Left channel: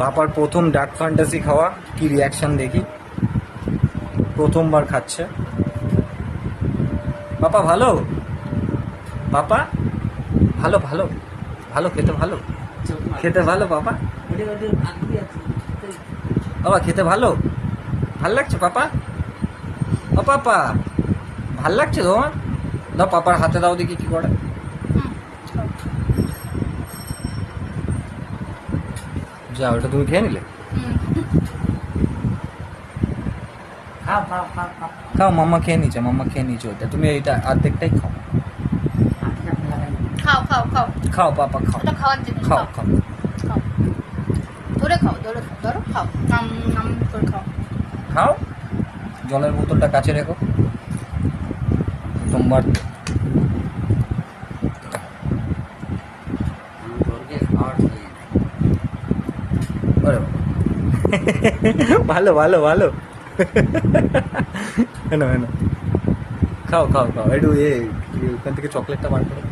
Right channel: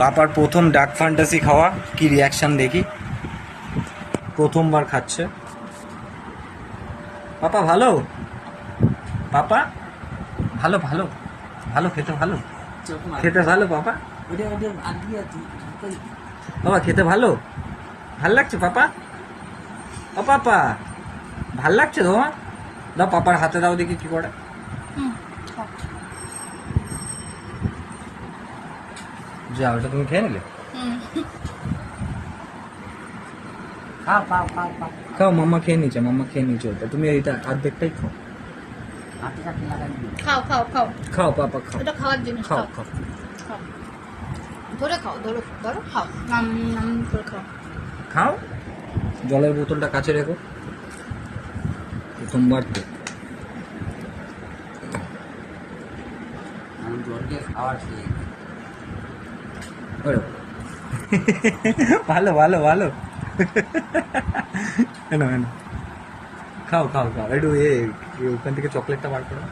পাপার প্রথম dark fantasy খাওয়া, কি রিয়াকশন দেখি। প্রথমবার খাচ্ছে পাপা। ভালো পাপা, ভালো ভালো ভালো, খেতে ভালো, খেতে ভালো পাপা। বাবা খেতে ভালো, ভাল লাগছে পাপা? ও পাপা ভাল লাগছে তোমার? দাও পাপার হাতে দাও দেখি কি করে। যা, ওটা তুমি খেয়ে নিলে? খাও খাও খাও খাও খাও, মাম্মা খেয়ে নিচ্ছে, মাম্মা খেয়ে নিচ্ছে ওটা। তুমি এইটা অর্ধেকটাই খাও। হাতে হাতে লাগাই খাও খাও খাও, খাও পাপা খাও, ওটা খাওয়ার জিনিস। খাও খাও খাও। খাও, ধরে খাও, ধরে খাও, ধরো খাও, নাম নাম করে খাও। খাও, জলের বোতলটা কাছে রেখো। সোমবার তোরকে খাওয়ার ভালো ভালো ভালো। হেন হেন, খাও খাও খাও। একটু ওখান থেকে চকলেটটা বার করে।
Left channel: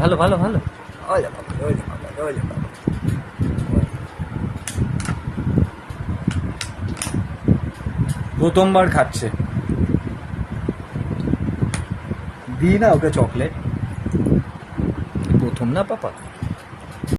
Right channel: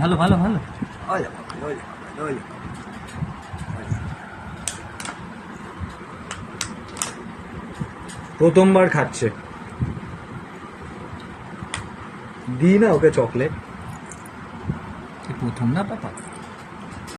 ভালো ভালো ভালো। প্রথমবার খাচ্ছে, দিই না ওকে চকলেট, প্রথম না পাপা।